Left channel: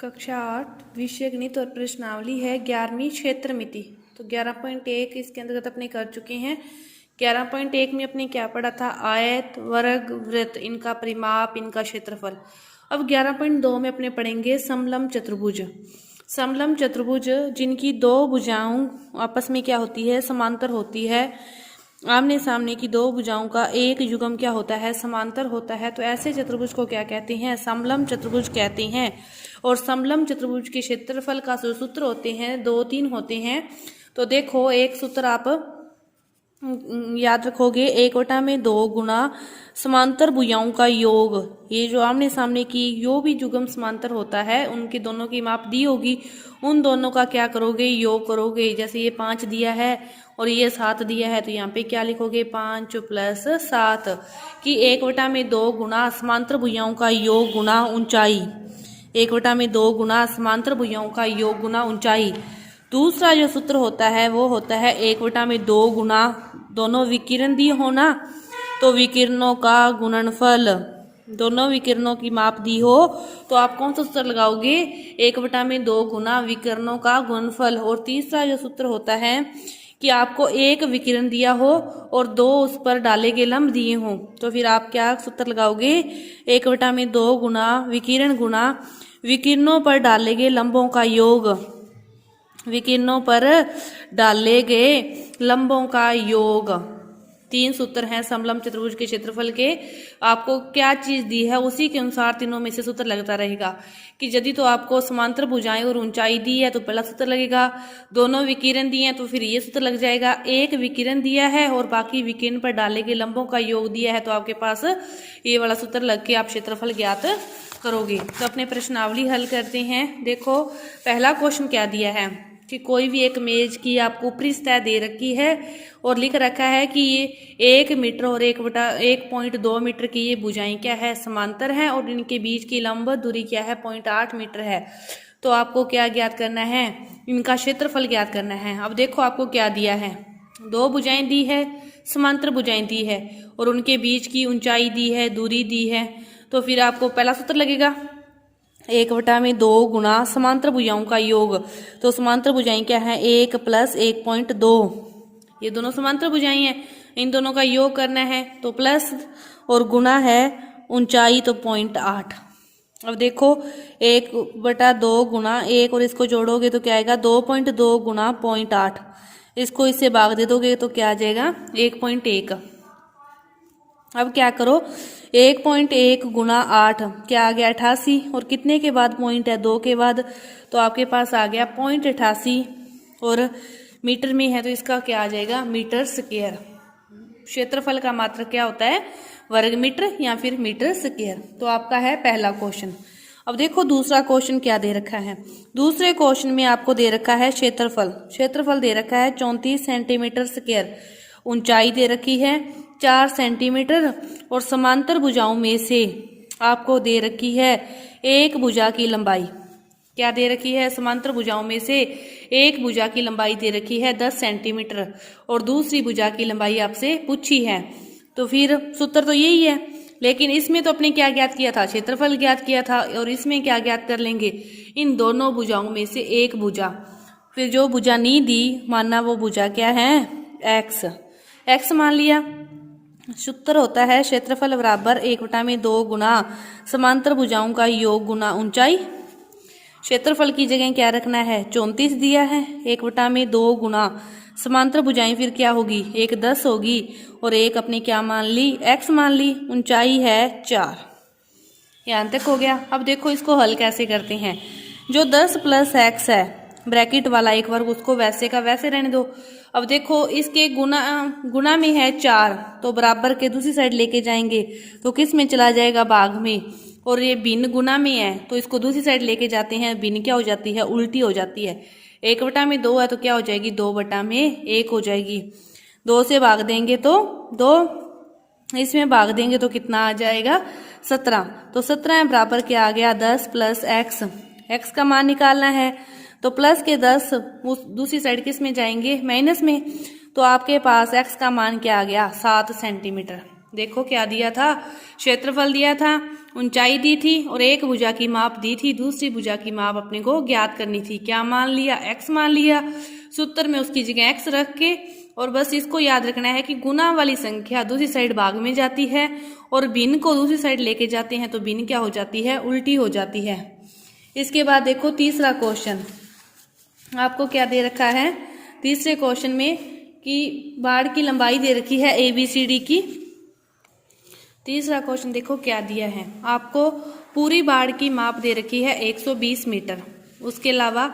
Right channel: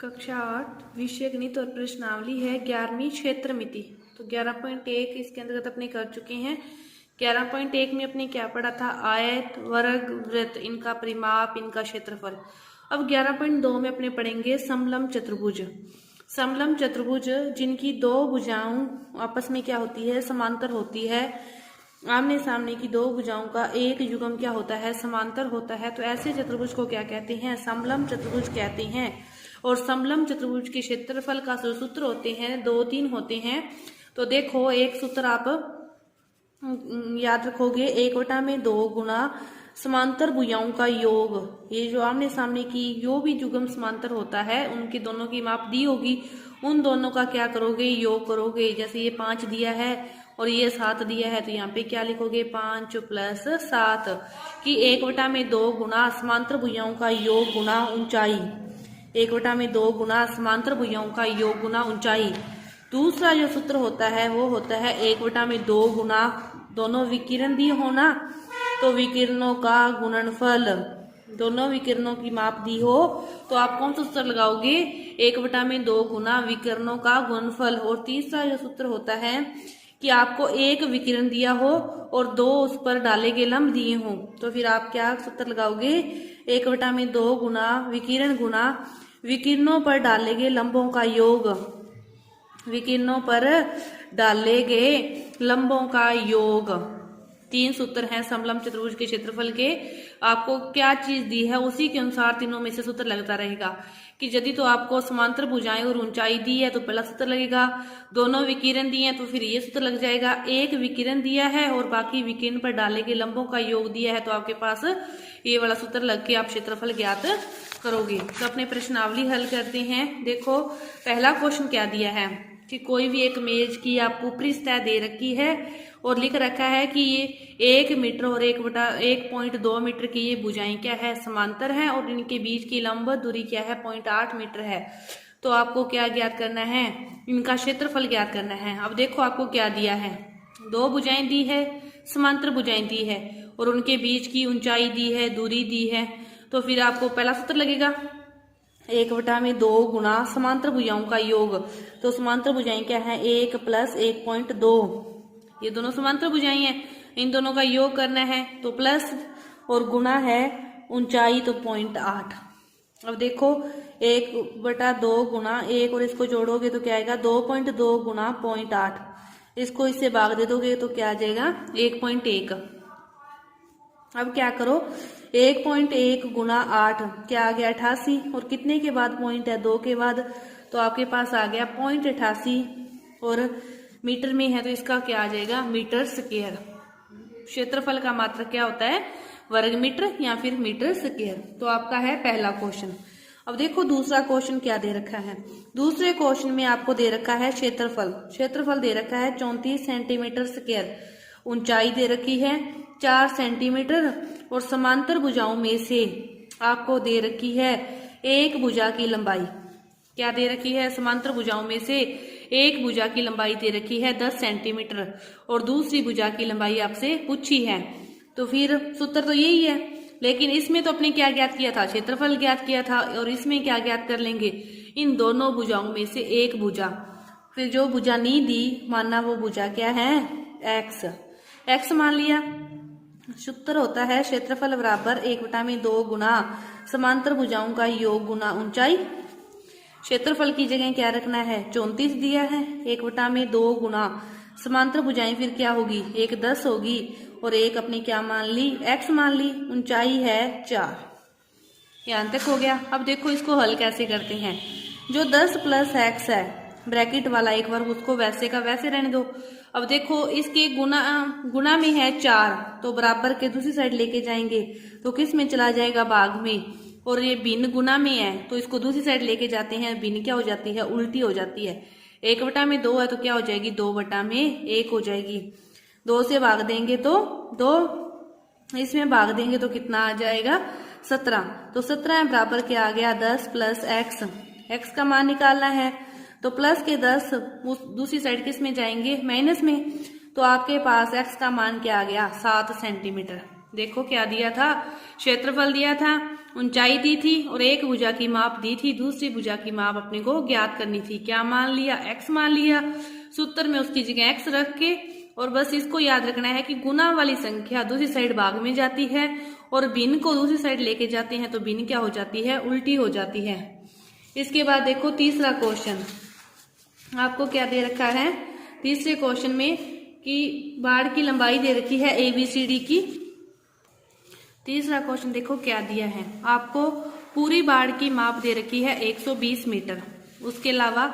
कक्षा 8 विषय गणित और प्रश्नावली है 11वीं क्षेत्र मिति। तो 11.1 इसके अंतर्गत अपने कर चुके हैं। 11.1 में अपने क्या पढ़ा था? आयत, वर्ग, वृत्त, इनका परिमाप, इनका क्षेत्रफल। अब 11.2 में अपने पढ़ेंगे समलंब चतुर्भुज। समलंब चतुर्भुज जिनकी दो भुजाओं आपस में क्या होती है? समांतर होती है। आमने सामने की दो भुजाओं का एक युग्म क्या होता है? समांतर होता है। तो ऐसे चतुर्भुज को क्या कहते हैं? समलंब चतुर्भुज कहते हैं। और समलंब चतुर्भुज के क्षेत्रफल का सूत्र होते हैं, 2-3 होते हैं। तो देखो, एक सूत्र आप याद रखोगे, 1/2 गुना समांतर भुजाओं का योग। ये जो आमने सामने की जो भी युग्म समांतर होता है उनके दोनों की माप दी होगी, उन दोनों का क्या करोगे? योग करोगे। जैसे ये 5 दिया है और ये 7 दिया है, तो यहाँ पे क्या लिखोगे? 5 + 7 कि 1/2 गुना समांतर भुजाओं का योग गुना ऊंचाई। 1/2 गुना समांतर भुजाओं का योग गुना ऊंचाई। दूसरा जो सूत्र होता है वो होता है 1/2 गुना, दोनों विकिरण दिए हो ना, तो विकिरणों का गुणनफल। दोनों विकिरणों की माप दी हो तो आप कौन सा सूत्र लगाओगे? 1/2 गुना विकिरणों का गुणनफल। और तीसरा जो सूत्र होता है कि आपको एक विकिरण दिया हो और 2 उस पर डाले गए लंब दिए हों, तो फिर आप क्या सूत्र लगाओगे? 1/2 गुना विकिरण गुना विकिरणों पर डाले गए लंबों का योग। विकिरणों पर डाले गए लंबों का योग। 3 सूत्र हैं समलंब चतुर्भुज के क्षेत्रफल के। आपको क्या चीज दी है उसी के अनुसार तीनों में से सूत्र लगता रहेगा। कि यदि तो आपको समांतर भुजाएं और ऊंचाई दी है तो पहला सूत्र लगेगा। दोनों विकिरण दिए हैं तो फिर ये सूत्र लग जाएगा। एक विकिरण दिया है और बाकी विकिरण पर डाले गए लंबों का योग दिया है, तो आपके पास ये वाला सूत्र लग के आप क्षेत्रफल ज्ञात करोगे। तो अपने प्रश्नावली हल करते हैं। देखो, पहला क्वेश्चन क्या दिया है कि कोई भी एक मेज की आपको ऊपरी सतह दे रखी है और लिख रखा है कि ये 1 मीटर और 1.2 मीटर की ये भुजाएं क्या है? समांतर हैं और इनके बीच की लंब दूरी क्या है? 0.8 मीटर है। तो आपको क्या ज्ञात करना है? इनका क्षेत्रफल ज्ञात करना है। अब देखो, आपको क्या दिया है? 2 भुजाएं दी है, समांतर भुजाएं दी है और उनके बीच की ऊंचाई दी है, दूरी दी है। तो फिर आपको पहला सूत्र लगेगा 1/2 गुना समांतर भुजाओं का योग। तो समांतर भुजाएं क्या है? 1 + 1.2। ये दोनों समांतर भुजाएं हैं, इन दोनों का योग करना है। तो प्लस और गुना है ऊंचाई, तो 0.8। अब देखो, 1/2 गुना 1 और इसको जोड़ोगे तो क्या आएगा? 2.2 गुना 0.8। इसको इससे भाग दे दोगे तो क्या आ जाएगा? 1.1। अब क्या करो, 1.1 गुना 8 क्या आ गया? 88। और कितने के बाद पॉइंट है? 2 के बाद। तो आपके पास आ गया 0.88 और मीटर में है तो इसका क्या आ जाएगा? Metre square. क्षेत्रफल का मात्रक क्या होता है? वर्ग मीटर या फिर मीटर स्क्वायर। तो आपका है पहला क्वेश्चन। अब देखो, दूसरा क्वेश्चन क्या दे रखा है। दूसरे क्वेश्चन में आपको दे रखा है क्षेत्रफल। क्षेत्रफल दे रखा है 34 सेंटीमीटर स्क्वायर। ऊंचाई दे रखी है 4 सेंटीमीटर और समांतर भुजाओं में से आपको दे रखी है एक भुजा की लंबाई। क्या दे रखी है? समांतर भुजाओं में से एक भुजा की लंबाई दे रखी है 10 सेंटीमीटर और दूसरी भुजा की लंबाई आपसे पूछी है। तो फिर सूत्र तो यही है, लेकिन इसमें तो अपने क्या ज्ञात किया था? क्षेत्रफल ज्ञात किया था। और इसमें क्या ज्ञात कर लेंगे? इन दोनों भुजाओं में से एक भुजा। फिर जो भुजा नहीं दी, मानना वो भुजा क्या है? एक्स। एक्स मान लिया। सूत्र होता है क्षेत्रफल बराबर 1/2 गुना समांतर भुजाओं का योग गुना ऊंचाई। क्षेत्रफल की जगह क्या रखना है? 34 दिया है। 1/2 गुना समांतर भुजाएं फिर क्या होगी? एक 10 होगी और एक अपने क्या मान ली? एक्स मान ली। ऊंचाई है 4। यहाँ तक हो गया। अब देखो, इसको हल कैसे करते हैं। जो 10 + x है ब्रैकेट वाला एक वर्ग, उसको वैसे का वैसे रहने दो। अब देखो, इसके गुना में है 4, तो बराबर के दूसरी साइड लेके जाएंगे तो किस में चला जाएगा? भाग में। और ये भिन्न गुना में है तो इसको दूसरी साइड लेके जाते हैं, भिन्न क्या हो जाती है? उल्टी हो जाती है। 1/2 है तो क्या हो जाएगी? 2/1 हो जाएगी। 2 से भाग देंगे तो 2, इसमें भाग देंगे तो कितना आ जाएगा? 17। तो 17 बराबर क्या आ गया? 10 + x। x का मान निकालना है तो प्लस के 10 दूसरी साइड किस में जाएंगे? माइनस में। तो आपके पास x का मान क्या आ गया? 7 सेंटीमीटर। देखो, क्या दिया था? क्षेत्रफल दिया था ऊंचाई दी थी और एक भुजा की माप दी थी, दूसरी भुजा की माप अपने को ज्ञात करनी थी। क्या मान लिया? x मान लिया। सूत्र में उसकी जगह x रख के और बस इसको याद रखना है कि गुना वाली संख्या दूसरी साइड भाग में जाती है और भिन्न को दूसरी साइड लेके जाते हैं तो भिन्न क्या हो जाती है? उल्टी हो जाती है। इसके बाद देखो तीसरा क्वेश्चन आपको क्या दे रखा है। तीसरे क्वेश्चन में कि बाड़ की लंबाई दे रखी है ABCD की। तीसरा क्वेश्चन देखो क्या दिया है आपको। पूरी बाड़ की माप दे रखी है 120 मीटर। उसके अलावा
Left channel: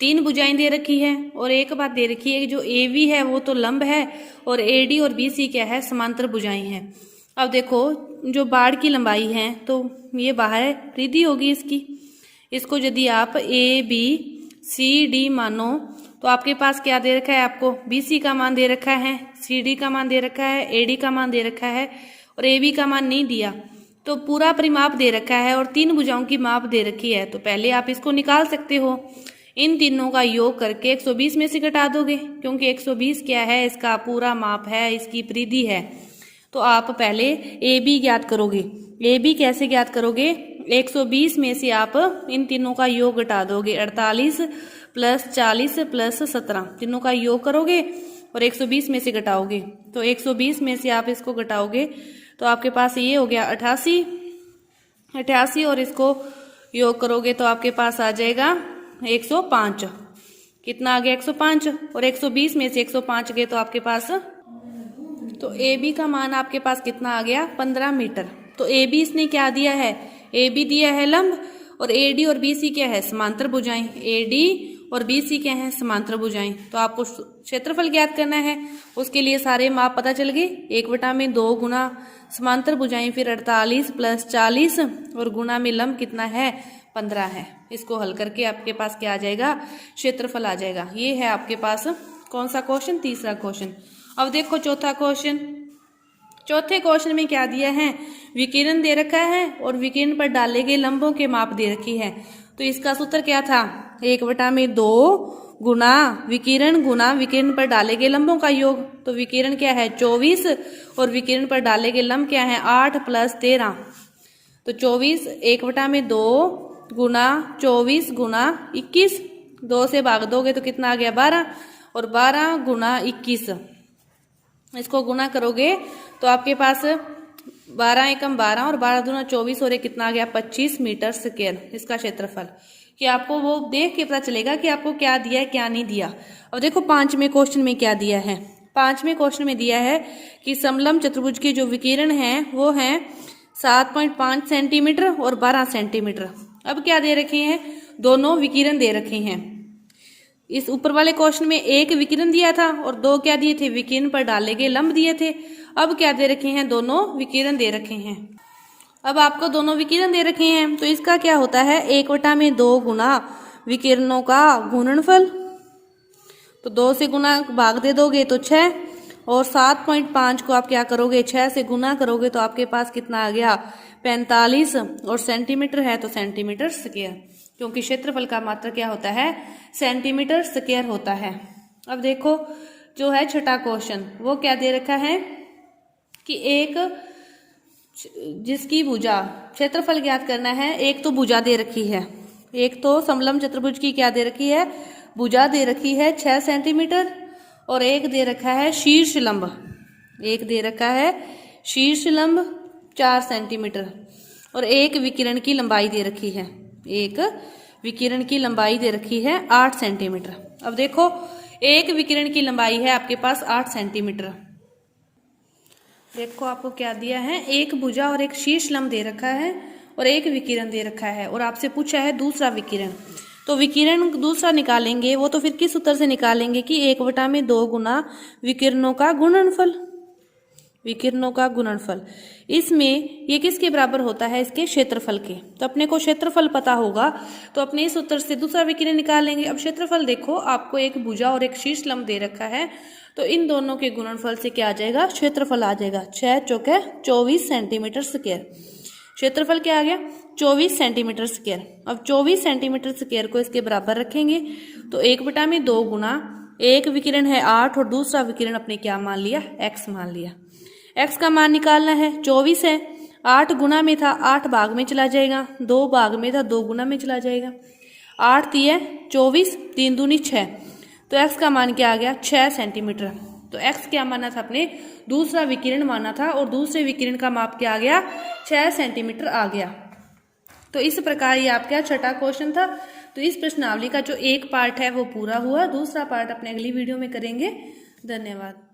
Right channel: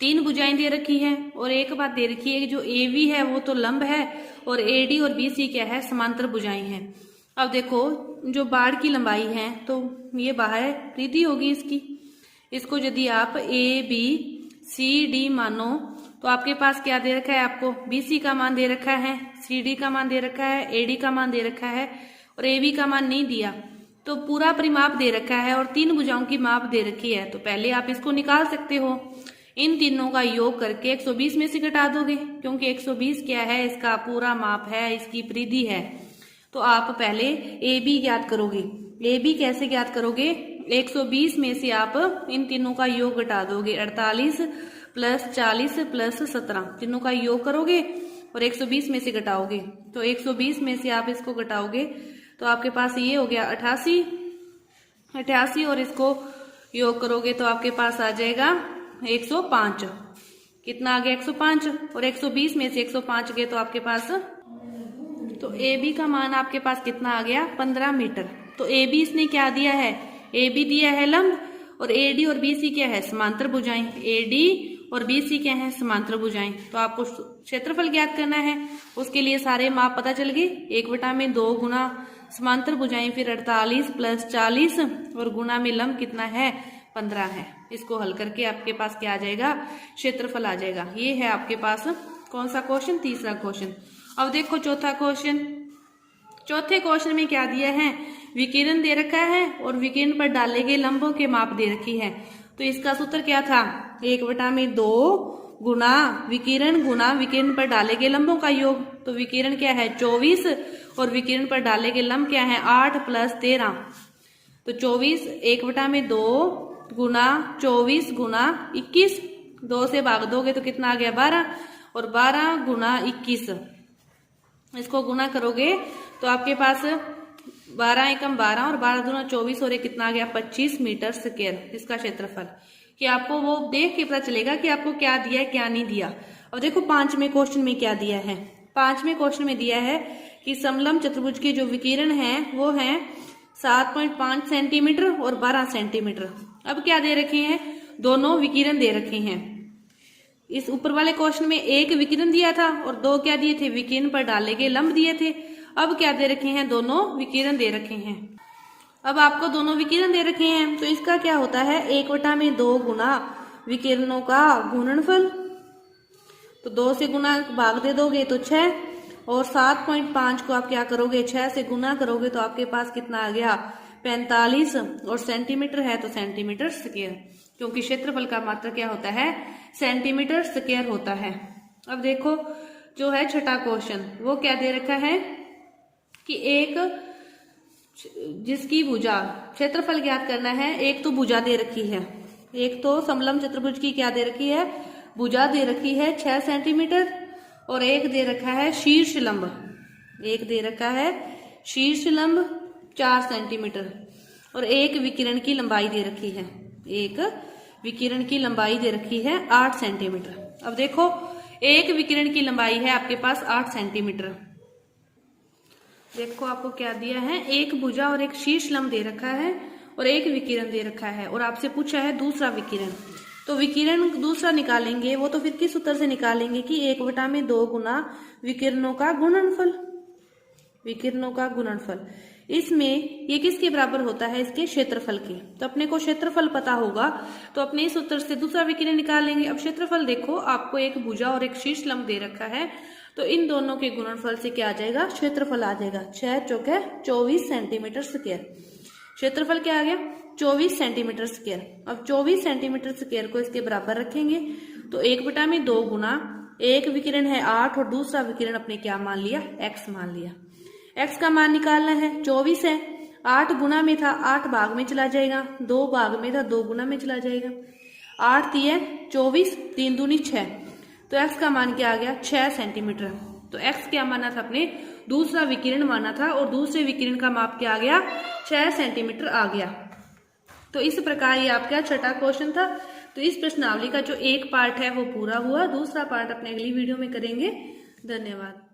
3 भुजाएं दे रखी है और एक बात दे रखी है कि जो AB है वो तो लंब है और AD और BC क्या है? समांतर भुजाएं हैं। अब देखो जो बाड़ की लंबाई है तो ये बाह्य परिधि होगी इसकी। इसको यदि आप ABCD मानो तो आपके पास क्या दे रखा है? आपको BC का मान दे रखा है, CD का मान दे रखा है, AD का मान दे रखा है और AB का मान नहीं दिया। तो पूरा परिमाप दे रखा है और 3 भुजाओं की माप दे रखी है। तो पहले आप इसको निकाल सकते हो। इन तीनों का योग करके 120 में से घटा दोगे, क्योंकि 120 क्या है? इसका पूरा माप है, इसकी परिधि है। तो आप पहले AB ज्ञात करोगे। AB कैसे ज्ञात करोगे? 120 में से आप इन तीनों का योग घटा दोगे। 48 प्लस 40 प्लस 17 तीनों का योग करोगे और 120 में से घटाओगे। तो 120 में से आप इसको घटाओगे तो आपके पास ये हो गया 88 और इसको योग करोगे तो आपके पास आ जाएगा 105। कितना आ गया? 105 और 120 में से 105 गए तो आपके पास, तो AB का मान आपके पास कितना आ गया? 15 मीटर। तो AB इसने क्या दिया है? AB दिया है लंब और AD और BC क्या है? समांतर भुजाएं। AD और BC क्या है? समांतर भुजाएं। तो आपको क्षेत्रफल ज्ञात करना है। उसके लिए सारे माप पता चल गए। 1/2 गुना समांतर भुजाएं फिर 48 प्लस 40 और गुना में लंब कितना है? 15 है। इसको हल करके आपके पास क्या आ जाएगा? क्षेत्रफल आ जाएगा। ये है आपके पास कौन सा क्वेश्चन? तीसरा क्वेश्चन। अब देखो चौथा क्वेश्चन। चौथे क्वेश्चन में क्या दिया है? विकिरण दे रखा है और विकिरण पर डाले गए लंबों के माप दे रखी है। तो इसका सूत्र क्या था? 1/2 गुना विकिरण पर डाले गए लंबों का योग। तो विकिरण क्या है? 24 और विकिरण पर डाले गए लंब क्या है? 8 प्लस 13। तो 24 1/2 गुना 24 गुना 21, 2 से भाग दोगे तो कितना आ गया? 12 और 12 गुना 21 इसको गुना करोगे तो आपके पास 12 एकम 12 और 12 दूना 24 और कितना आ गया? 25 मीटर स्क्वायर इसका क्षेत्रफल। कि आपको वो देख के पता चलेगा कि आपको क्या दिया है क्या नहीं दिया। अब देखो 5वें क्वेश्चन में क्या दिया है। 5वें क्वेश्चन में दिया है कि समलंब चतुर्भुज के जो विकिरण है वो है 7.5 सेंटीमीटर और 12 सेंटीमीटर। अब क्या दे रखे हैं? दोनों विकिरण दे रखे हैं। इस ऊपर वाले क्वेश्चन में एक विकिरण दिया था और 2 क्या दिए थे? विकिरण पर डाले गए लंब दिए थे। अब क्या दे रखे हैं? दोनों विकिरण दे रखे हैं। अब आपको दोनों विकिरण दे रखे हैं तो इसका क्या होता है? 1/2 गुना विकिरणों का गुणनफल। तो 2 से गुना भाग दे दोगे तो 6 और 7.5 को आप क्या करोगे? 6 से गुना करोगे तो आपके पास कितना आ गया? 45 और सेंटीमीटर है तो सेंटीमीटर स्क्वायर, क्योंकि क्षेत्रफल का मात्रक क्या होता है? सेंटीमीटर स्क्वायर होता है। अब देखो जो है छठा क्वेश्चन वो क्या दे रखा है कि एक जिसकी भुजा क्षेत्रफल ज्ञात करना है। एक तो भुजा दे रखी है, एक तो समलंब चतुर्भुज की क्या दे रखी है? भुजा दे रखी है 6 सेंटीमीटर और एक दे रखा है शीर्ष लंब। एक दे रखा है शीर्ष लंब 4 सेंटीमीटर और एक विकिरण की लंबाई दे रखी है। एक विकिरण की लंबाई दे रखी है 8 सेंटीमीटर। अब देखो एक विकिरण की लंबाई है आपके पास 8 सेंटीमीटर। देखो आपको क्या दिया है? एक भुजा और एक शीर्ष लंब दे रखा है और एक विकिरण दे रखा है और आपसे पूछा है दूसरा विकिरण। तो विकिरण दूसरा निकालेंगे वो तो फिर किस सूत्र से निकालेंगे कि 1/2 गुना विकिरणों का गुणनफल। विकिरणों का गुणनफल इसमें ये किसके बराबर होता है? इसके क्षेत्रफल के। तो अपने को क्षेत्रफल पता होगा तो अपने इस सूत्र से दूसरा विकिरण निकालेंगे। अब क्षेत्रफल देखो आपको एक भुजा और एक शीर्ष लंब दे रखा है तो इन दोनों के गुणनफल से क्या आ जाएगा? क्षेत्रफल आ जाएगा। 6 चौके 24 सेंटीमीटर स्क्वायर। क्षेत्रफल क्या आ गया? 24 सेंटीमीटर स्क्वायर। अब 24 सेंटीमीटर स्क्वायर को इसके बराबर रखेंगे तो 1/2 गुना एक विकिरण है 8 और दूसरा विकिरण अपने क्या मान लिया? x मान लिया। x का मान निकालना है 24 है, 8 गुना में था 8 भाग में चला जाएगा, 2 भाग में था 2 गुना में चला जाएगा। 8 तिया 24, 3 दूनी 6, तो एक्स का मान क्या आ गया 6 सेंटीमीटर। तो एक्स क्या माना था अपने, दूसरा विकिरण माना था और दूसरे विकिरण का माप क्या आ गया 6 सेंटीमीटर आ गया। तो इस प्रकार ये आपका छठा क्वेश्चन था। तो इस प्रश्नावली का जो एक पार्ट है वो पूरा हुआ, दूसरा पार्ट अपने अगली वीडियो में करेंगे। धन्यवाद।